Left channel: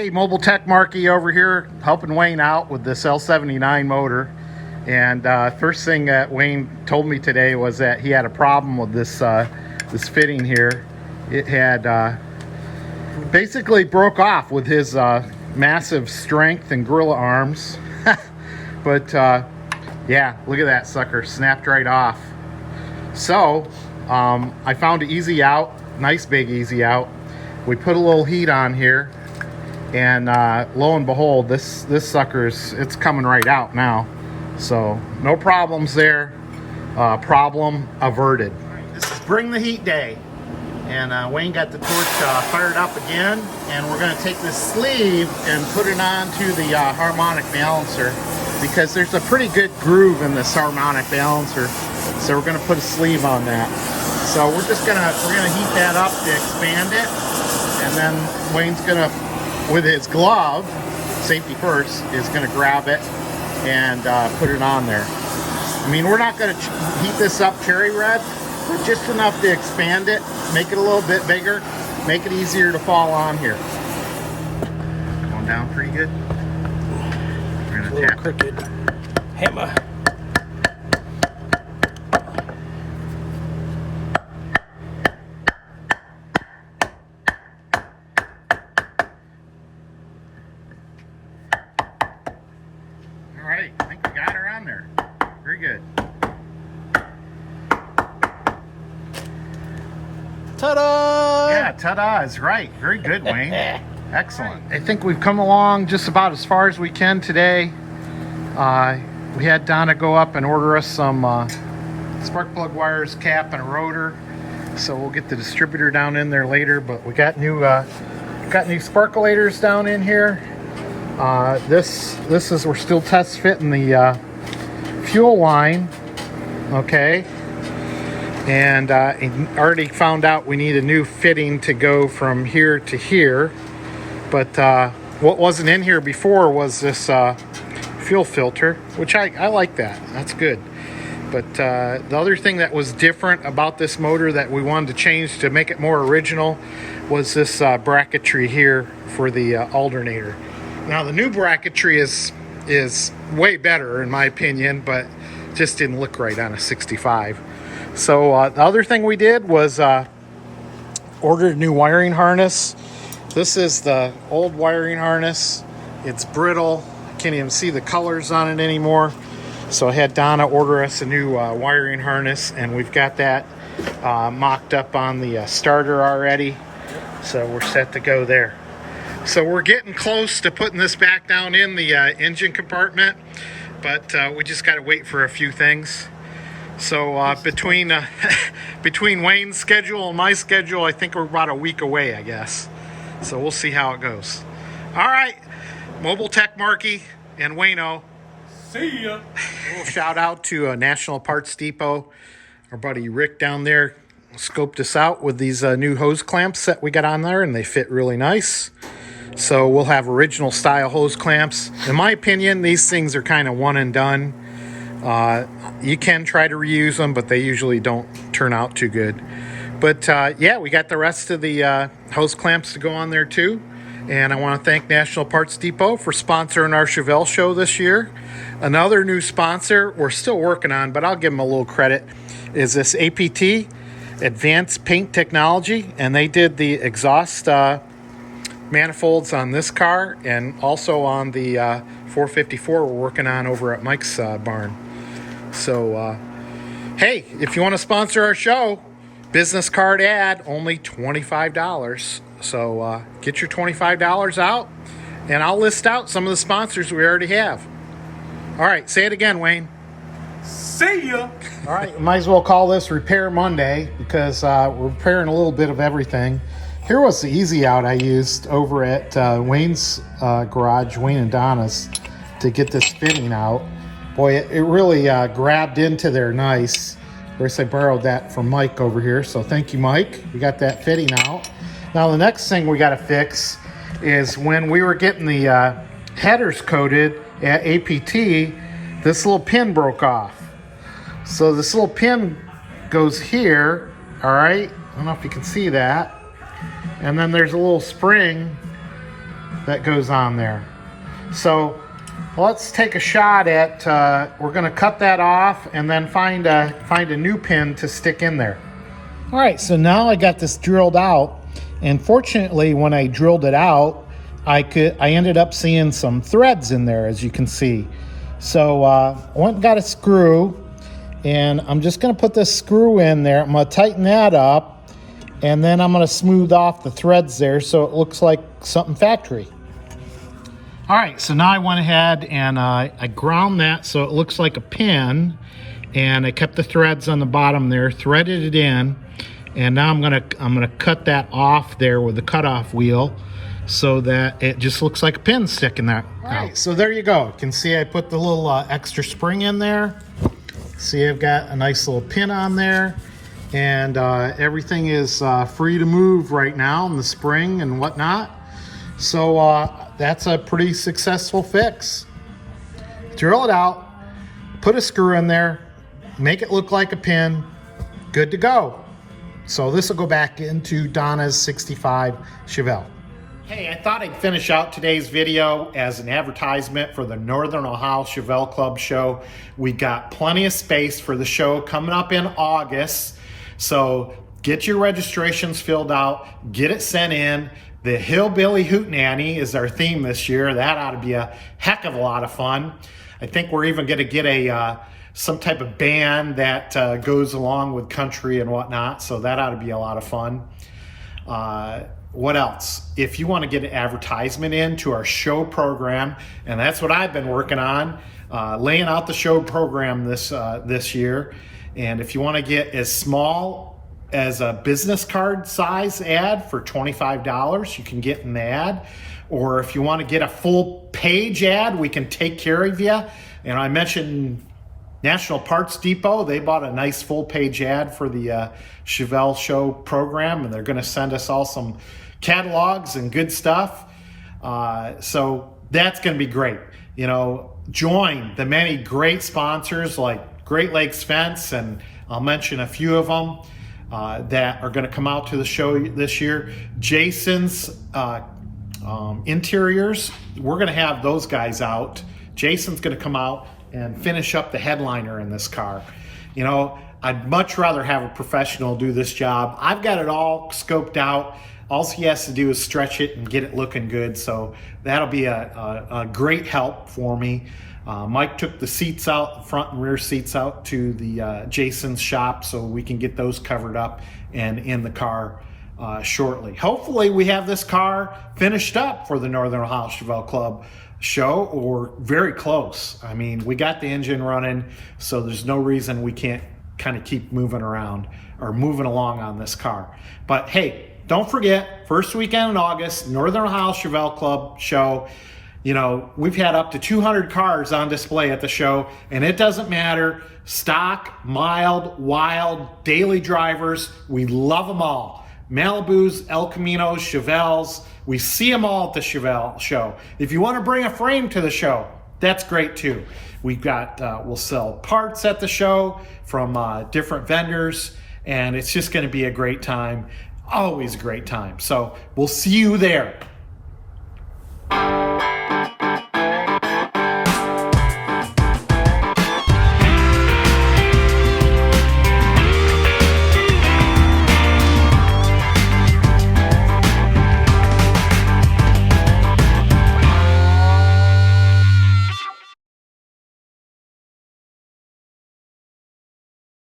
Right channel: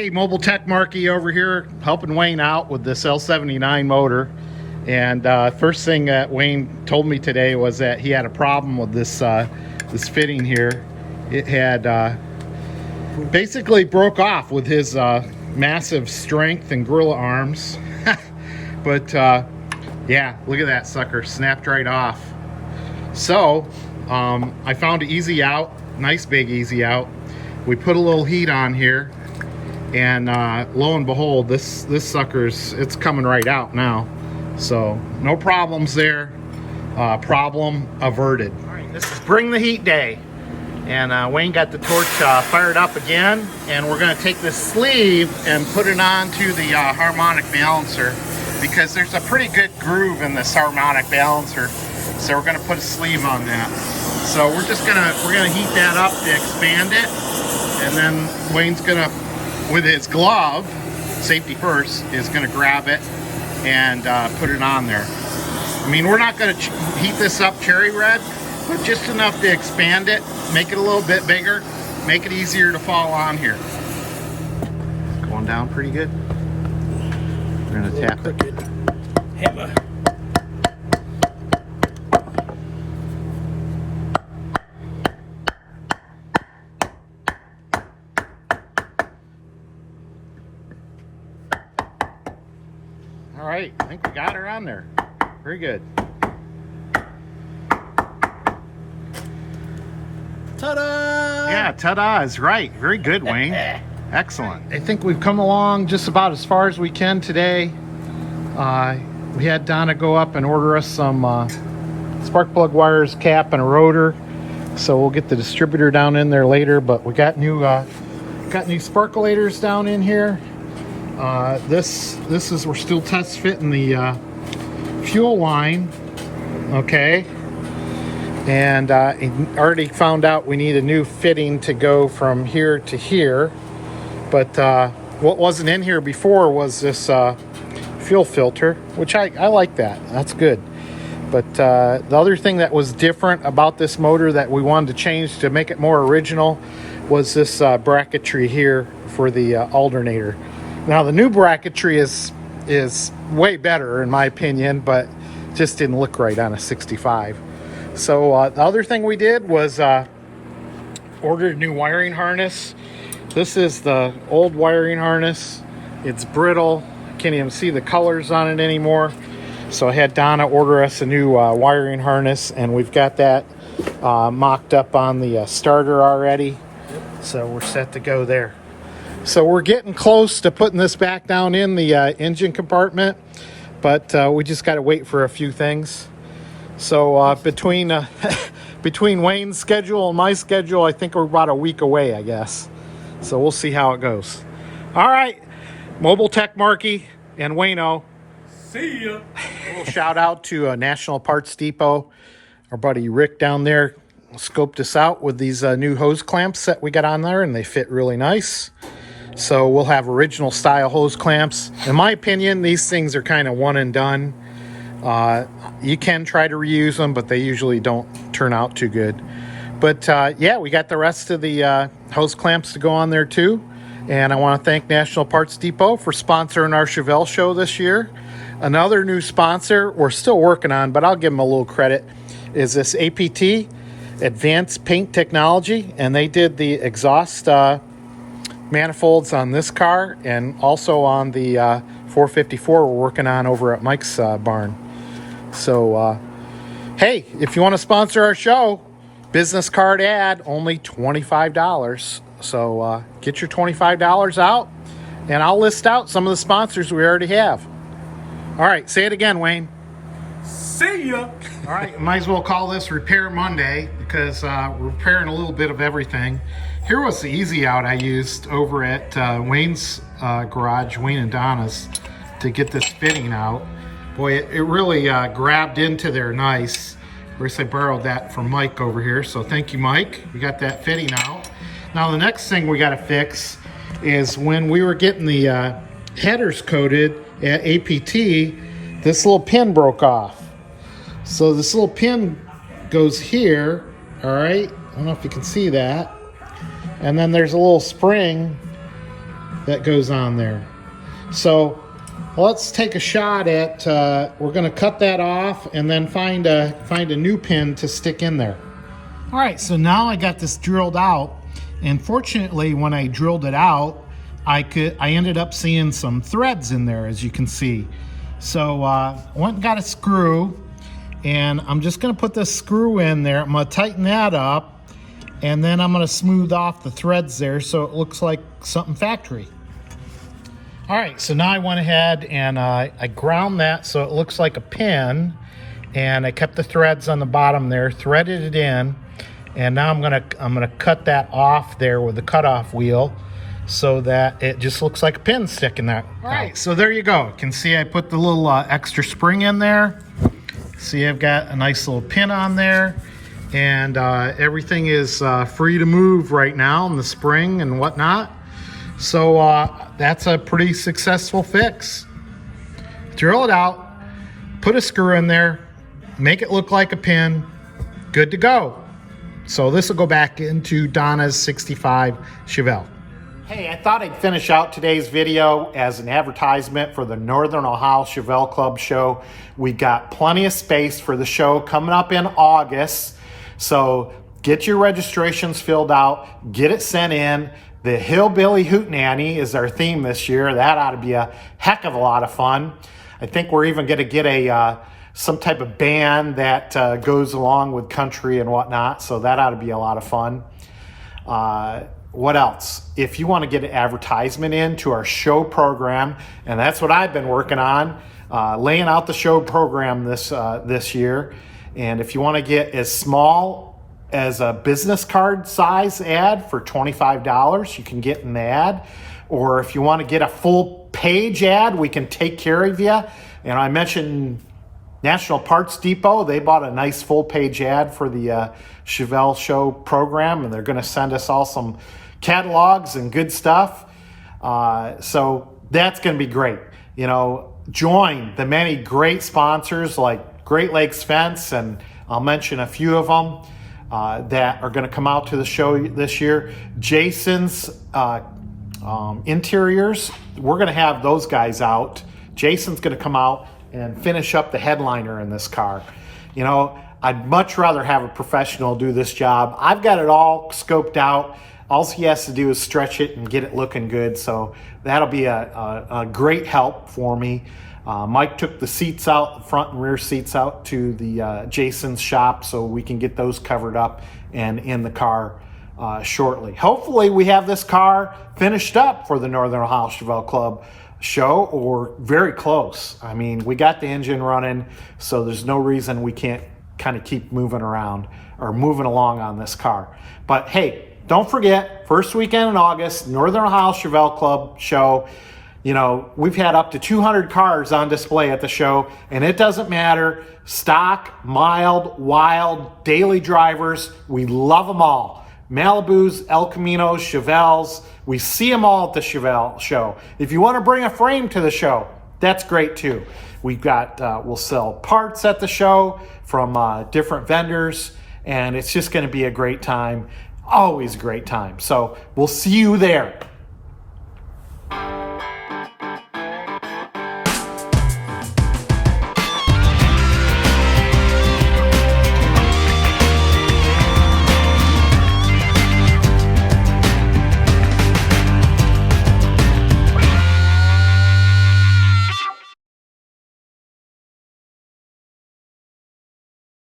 Hey, Mobile Tech Marky over here helping Wayne out with this L79 motor. And first thing that Wayne told me today was that he had a problem with this this fitting here. It had basically broke off with his massive strength and gorilla arms. But yeah, look at that sucker, snapped right off. So I found an easy out, nice big easy out. We put a little heat on here, and lo and behold, this sucker's, it's coming right out now. So no problems there. Problem averted. All right, this is bring the heat day, and Wayne got the torch fired up again, and we're going to take this sleeve and put it onto the harmonic balancer, because there's a pretty good groove in this harmonic balancer. So we're going to put a sleeve on that. So we're gonna heat that up to expand it, and then Wayne's gonna, with his glove, safety first, is gonna grab it and put it on there. I mean, we're not gonna heat this up cherry red, but just enough to expand it, make it a little bit bigger, make it easier to fall on here. Going down pretty good. We're gonna tap it. Hammer. All right, I think we got her on there. Very good. Ta-da! Yeah, ta-da is right. Very good, Wayne. Excellent. I think we've come along just about as far as we can today. We had Donna go up and order us some spark plug wires, cap, and a rotor. So we'll get the distributor down in there later. But we got new sparkulators down in here. This is, we're still test fitting the fuel line. Okay. And already found out we need a new fitting to go from here to here. But what wasn't in here before was this fuel filter, which I like that. That's good. But the other thing that was different about this motor that we wanted to change to make it more original was this bracketry here for the alternator. Now the new bracketry is way better in my opinion, but just didn't look right on a 65. So the other thing we did was ordered a new wiring harness. This is the old wiring harness. It's brittle. I can't even see the colors on it anymore. So I had Donna order us a new wiring harness, and we've got that mocked up on the starter already. So we're set to go there. So we're getting close to putting this back down in the engine compartment, but we just got to wait for a few things. So between Wayne's schedule and my schedule, I think we're about a week away, I guess. So we'll see how it goes. All right, Mobile Tech Marky and Wayno. See ya. A little shout out to National Parts Depot. Our buddy Rick down there scoped us out with these new hose clamps that we got on there, and they fit really nice. So we'll have original style hose clamps. In my opinion, these things are kind of one and done. You can try to reuse them, but they usually don't turn out too good. But yeah, we got the rest of the hose clamps to go on there too. And I want to thank National Parts Depot for sponsoring our Chevelle show this year. Another new sponsor we're still working on, but I'll give them a little credit, is this APT, Advanced Paint Technology. And they did the exhaust manifolds on this car, and also on the 454 we're working on over at Mike's barn. So hey, if you want to sponsor our show, business card ad, only $25. So get your $25 out, and I'll list out some of the sponsors we already have. All right, say it again, Wayne. See ya. All right, might as well call this Repair Monday, because we're repairing a little bit of everything. Here was the easy out I used over at Wayne's garage, Wayne and Donna's, to get this fitting out. Boy, it really grabbed into there nice. Of course, I borrowed that from Mike over here, so thank you, Mike. We got that fitting out. Now, the next thing we got to fix is when we were getting the headers coated at APT, this little pin broke off. So this little pin goes here, all right? I don't know if you can see that. And then there's a little spring that goes on there. So let's take a shot at, we're gonna cut that off and then find a new pin to stick in there. All right, so now I got this drilled out, and fortunately when I drilled it out, I ended up seeing some threads in there, as you can see. So I went and got a screw, and I'm just gonna put this screw in there. I'm gonna tighten that up, and then I'm gonna smooth off the threads there so it looks like something factory. All right, so now I went ahead and I ground that so it looks like a pin, and I kept the threads on the bottom there, threaded it in, and now I'm gonna cut that off there with the cutoff wheel so that it just looks like a pin sticking there. All right, so there you go. You can see I put the little extra spring in there. See, I've got a nice little pin on there, and everything is free to move right now in the spring and whatnot. So that's a pretty successful fix. Drill it out, put a screw in there, make it look like a pin, good to go. So this will go back into Donna's 65 Chevelle. Hey, I thought I'd finish out today's video as an advertisement for the Northern Ohio Chevelle Club show. We got plenty of space for the show coming up in August. So get your registrations filled out, get it sent in. The Hillbilly Hootenanny is our theme this year. That ought to be a heck of a lot of fun. I think we're even gonna get some type of band that goes along with country and whatnot. So that ought to be a lot of fun. What else? If you want to get an advertisement into our show program, and that's what I've been working on, laying out the show program this year. And if you want to get as small as a business card size ad for $25, you can get an ad. Or if you want to get a full page ad, we can take care of you. And I mentioned National Parts Depot. They bought a nice full page ad for the Chevelle show program, and they're going to send us all some catalogs and good stuff. So that's going to be great. You know, join the many great sponsors like Great Lakes Fence, and I'll mention a few of them that are going to come out to the show this year. Jason's Interiors, we're going to have those guys out. Jason's going to come out and finish up the headliner in this car. You know, I'd much rather have a professional do this job. I've got it all scoped out. All he has to do is stretch it and get it looking good. So that'll be a great help for me. Mike took the seats out, the front and rear seats out to the Jason's shop so we can get those covered up and in the car shortly. Hopefully we have this car finished up for the Northern Ohio Chevelle Club show, or very close. I mean, we got the engine running, so there's no reason we can't kind of keep moving around or moving along on this car. But hey, don't forget, first weekend in August, Northern Ohio Chevelle Club show. You know, we've had up to 200 cars on display at the show, and it doesn't matter, stock, mild, wild, daily drivers, we love them all. Malibus, El Caminos, Chevelles, we see them all at the Chevelle show. If you want to bring a frame to the show, that's great too. We've got, we'll sell parts at the show from different vendors, and it's just going to be a great time. Always a great time. So we'll see you there.